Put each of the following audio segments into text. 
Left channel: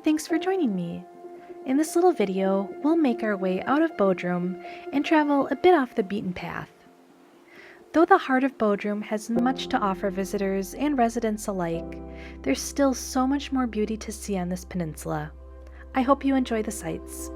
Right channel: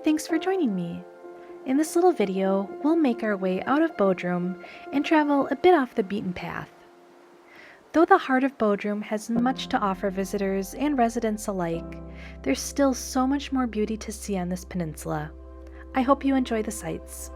and thanks for joining me. In this little video, we'll make our way out of Bodrum and travel a bit off the beaten path. Though the heart of Bodrum has much to offer visitors and residents alike, there's still so much more beauty to see on this peninsula. I hope you enjoy the sights.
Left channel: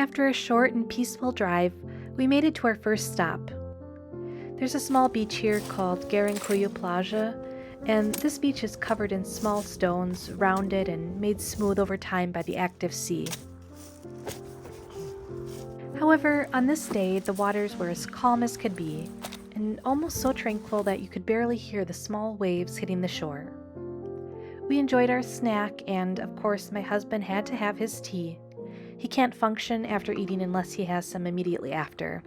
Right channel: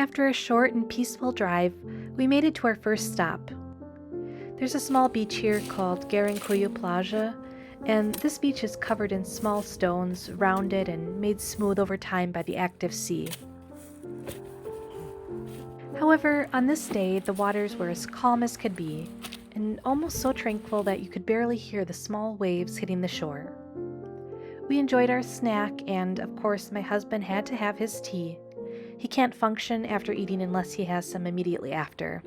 After a short and peaceful drive, we made it to our first stop. There's a small beach here called Garankuyu Plaja, and this beach is covered in small stones, rounded and made smooth over time by the active sea. However, on this day, the waters were as calm as could be, and almost so tranquil that you could barely hear the small waves hitting the shore. We enjoyed our snack, and of course my husband had to have his tea. He can't function after eating unless he has some immediately after.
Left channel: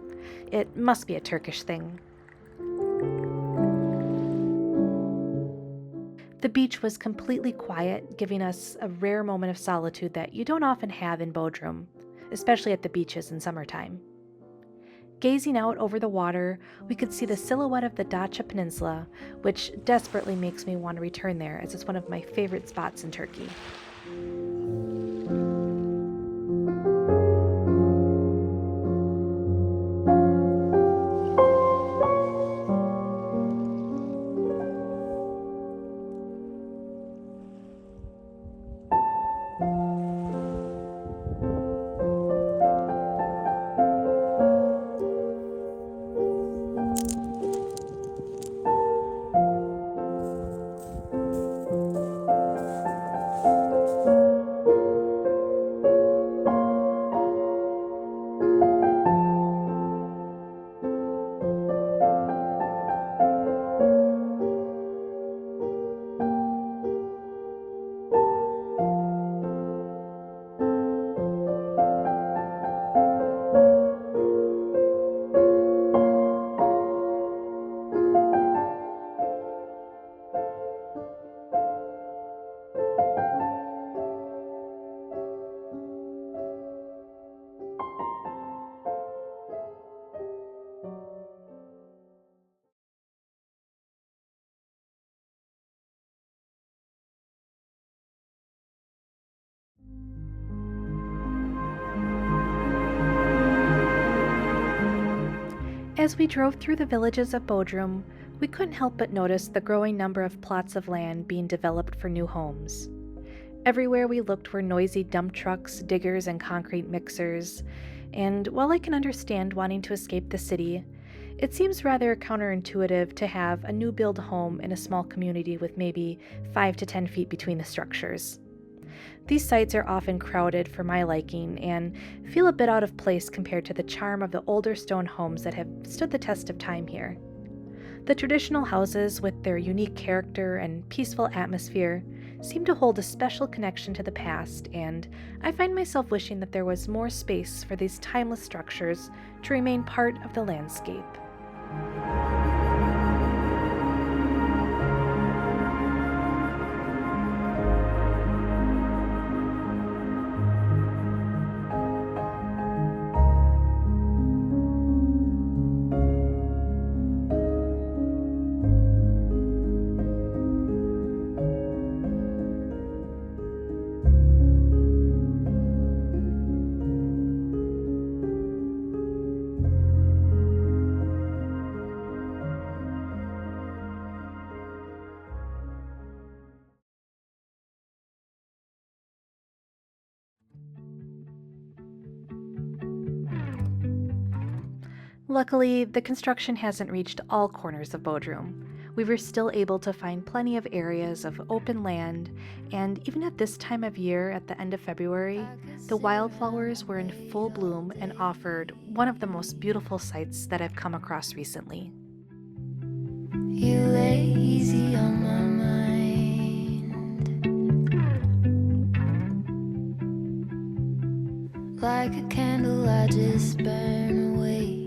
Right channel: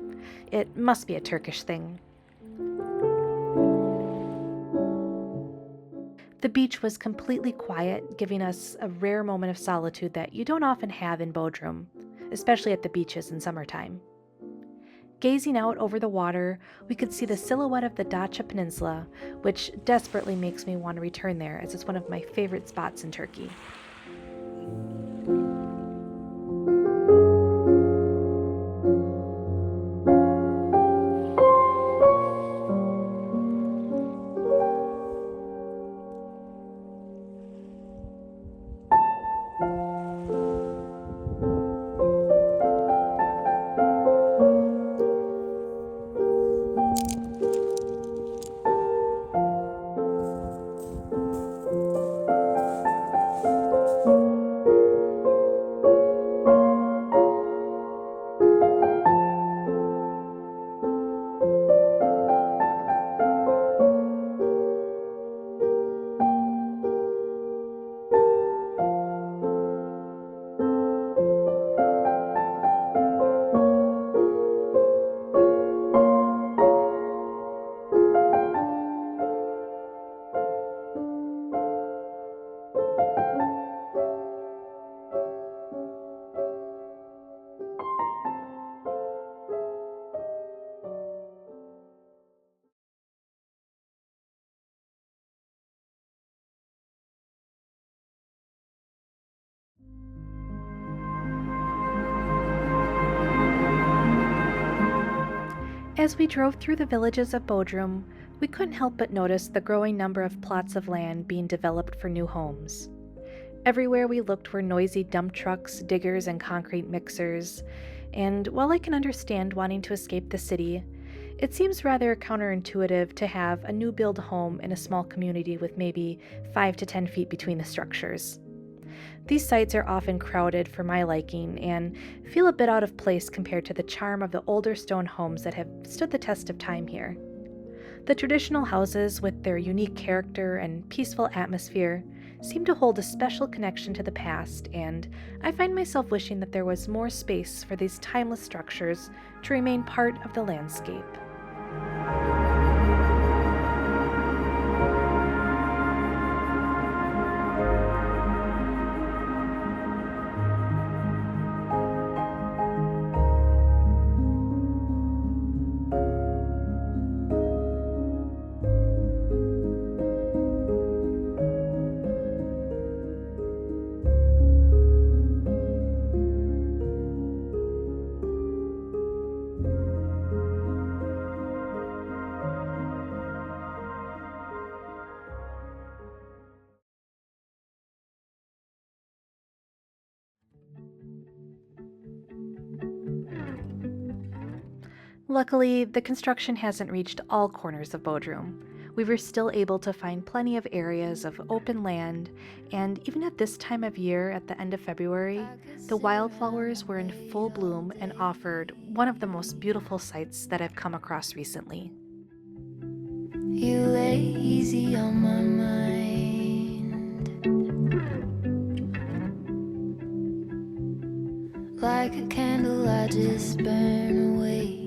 It must be a Turkish thing. The beach was completely quiet, giving us a rare moment of solitude that you don't often have in Bodrum, especially at the beaches in summertime. Gazing out over the water, we could see the silhouette of the Datça Peninsula, which desperately makes me want to return there as it's one of my favorite spots in Turkey. As we drove through the villages of Bodrum, we couldn't help but notice the growing number of plots of land being developed for new homes. Everywhere we looked were noisy dump trucks, diggers, and concrete mixers, and while I can understand wanting to escape the city, it seems rather counterintuitive to have a new build home in a small community with maybe 5 to 10 feet between the structures. These sites are often crowded for my liking and feel a bit out of place compared to the charm of the older stone homes that have stood the test of time here. The traditional houses, with their unique character and peaceful atmosphere, seem to hold a special connection to the past, and I find myself wishing that there was more space for these timeless structures to remain part of the landscape. Luckily, the construction hasn't reached all corners of Bodrum. We were still able to find plenty of areas of open land, and even at this time of year, at the end of February, the wildflowers were in full bloom and offered one of the most beautiful sights that I've come across recently. You lay easy on my mind. like a candle I just burn away.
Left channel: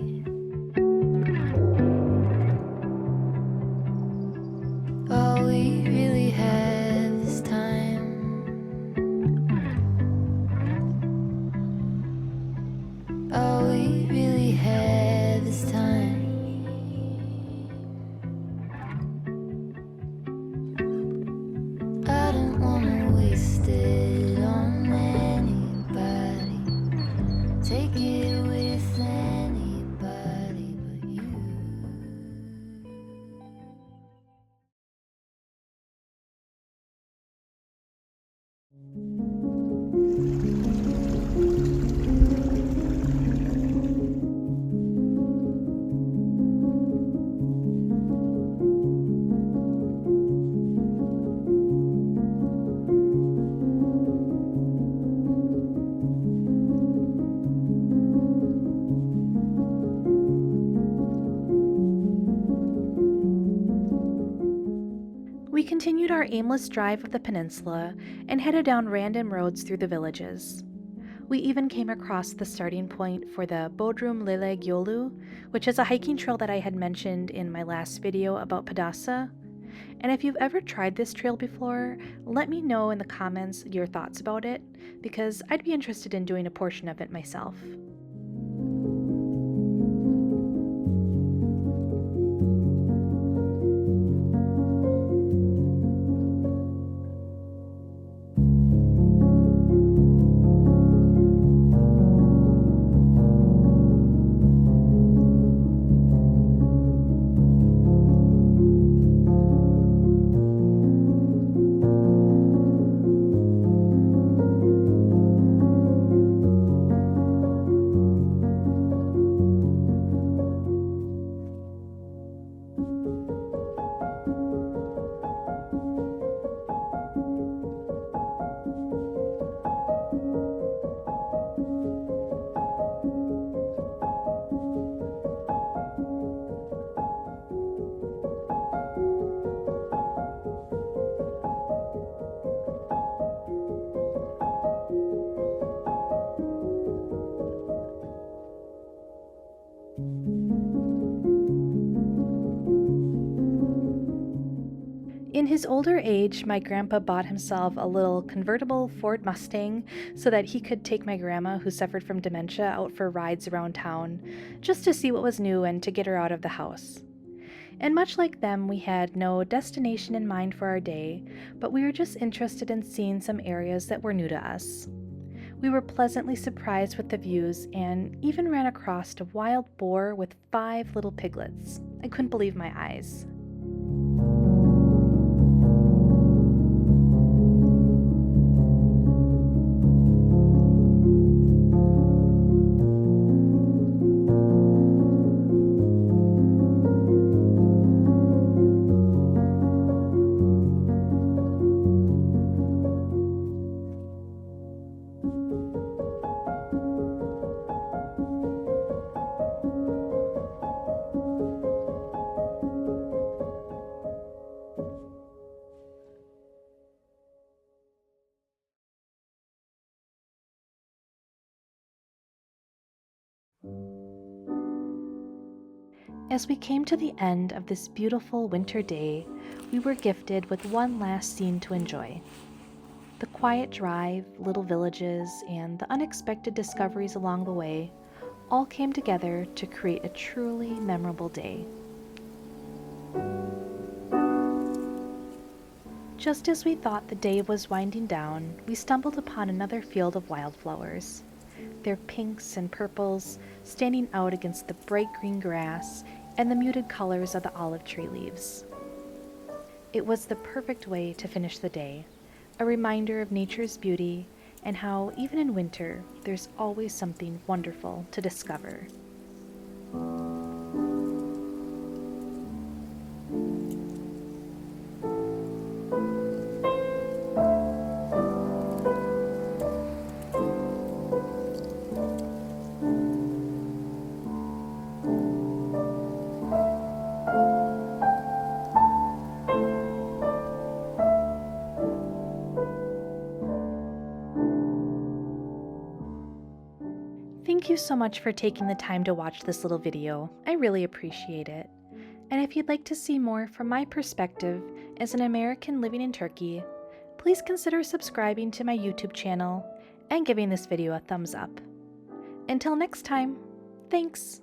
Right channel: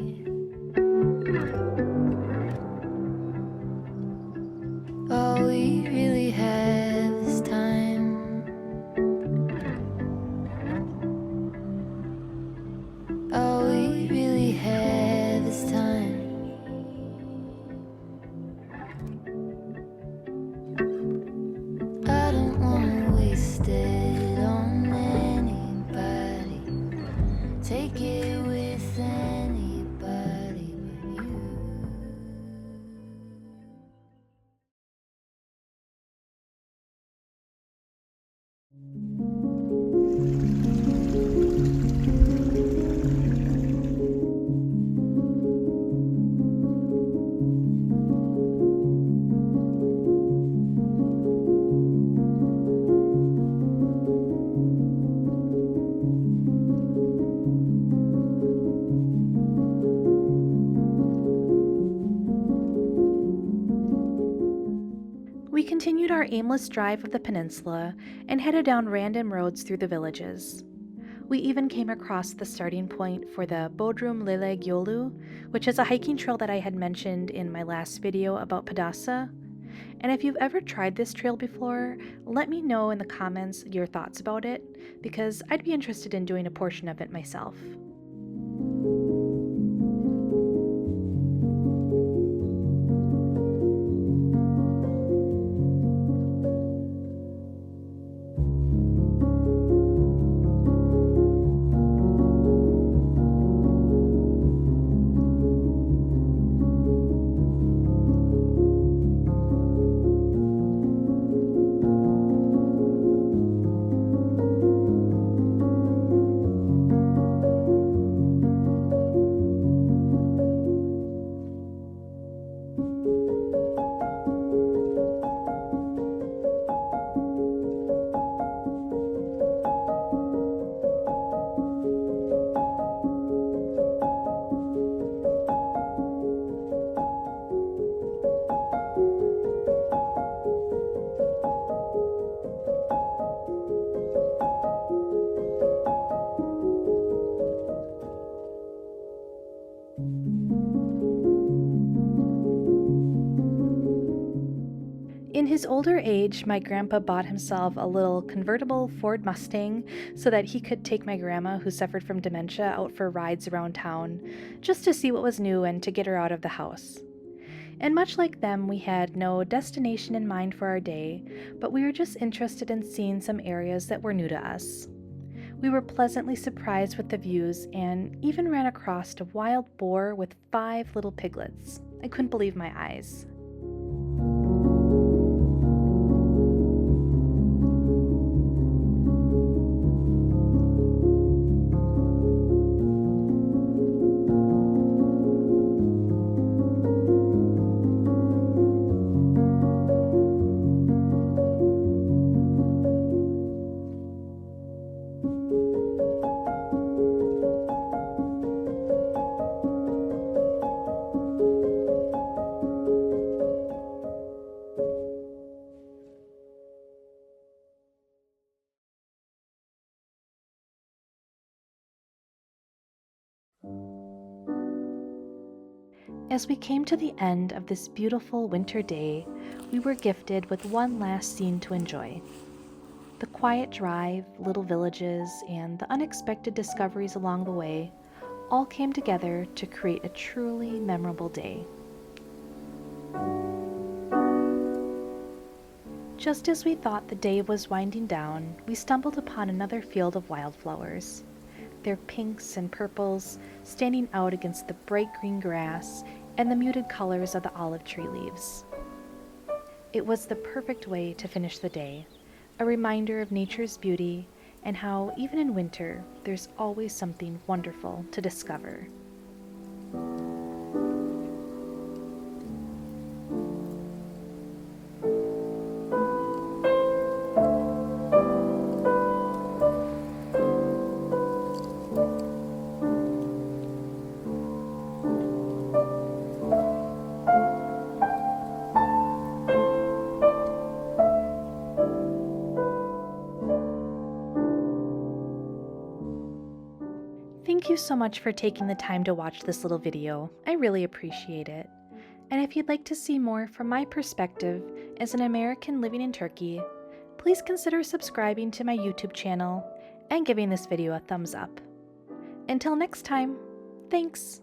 All we really have is time. All we really have is time. I don't wanna waste it on anybody. Take it with anybody but you. We continued our aimless drive of the peninsula and headed down random roads through the villages. We even came across the starting point for the Bodrum Leleg Yolu, which is a hiking trail that I had mentioned in my last video about Padasa. And if you've ever tried this trail before, let me know in the comments your thoughts about it, because I'd be interested in doing a portion of it myself. In his older age, my grandpa bought himself a little convertible Ford Mustang so that he could take my grandma, who suffered from dementia, out for rides around town, just to see what was new and to get her out of the house. And much like them, we had no destination in mind for our day, but we were just interested in seeing some areas that were new to us. We were pleasantly surprised with the views and even ran across a wild boar with 5 little piglets. I couldn't believe my eyes. As we came to the end of this beautiful winter day, we were gifted with one last scene to enjoy. The quiet drive, little villages, and the unexpected discoveries along the way all came together to create a truly memorable day. Just as we thought the day was winding down, we stumbled upon another field of wildflowers. Their pinks and purples standing out against the bright green grass and the muted colors of the olive tree leaves. It was the perfect way to finish the day, a reminder of nature's beauty and how, even in winter, there's always something wonderful to discover. Thank you so much for taking the time to watch this little video. I really appreciate it. And if you'd like to see more from my perspective as an American living in Turkey, please consider subscribing to my YouTube channel and giving this video a thumbs up. Until next time, thanks!